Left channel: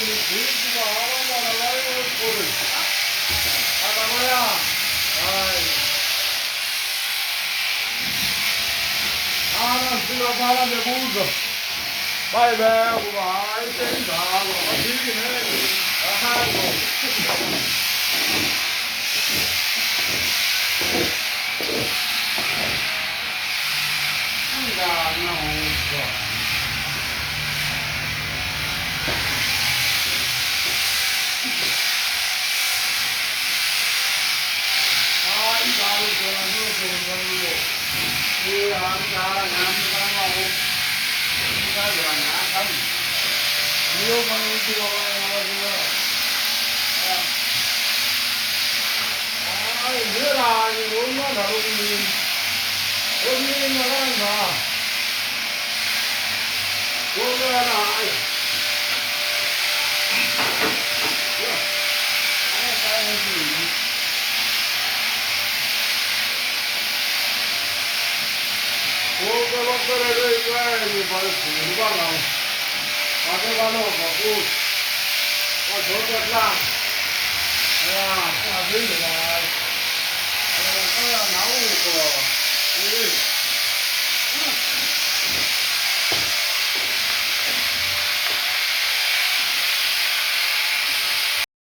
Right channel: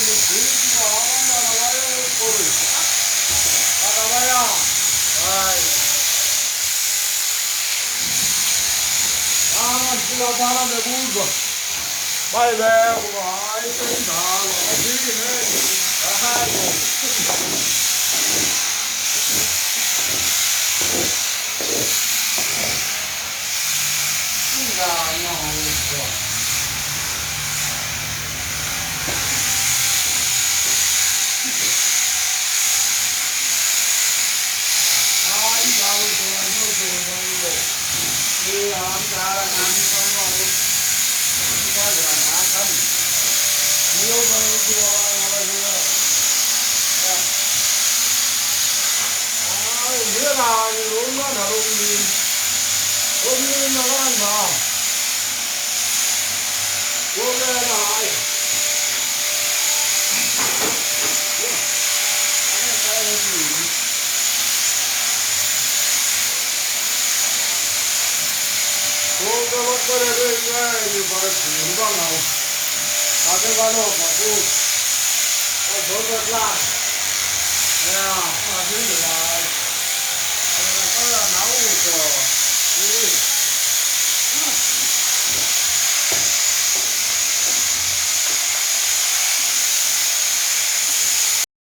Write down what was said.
돼지가 얼마나 와요, 꼴을. 나가봐야. 아이. 바람 불어, 바람에 불어. 빨리 왜, 와이, 땡다. 와, 되긴 해. 아하고. 나, 있어. 이 가루 좋은 걸로. 이 암사랑 암사하고, 시간이 안 나가니. 무효방을 들어가가지고. 내가 이거 얼마나 다루니. 어디 나간다. 원래나. 그거를 이거 바로 누가나고 가져가려고 하고 저거야 야 나오고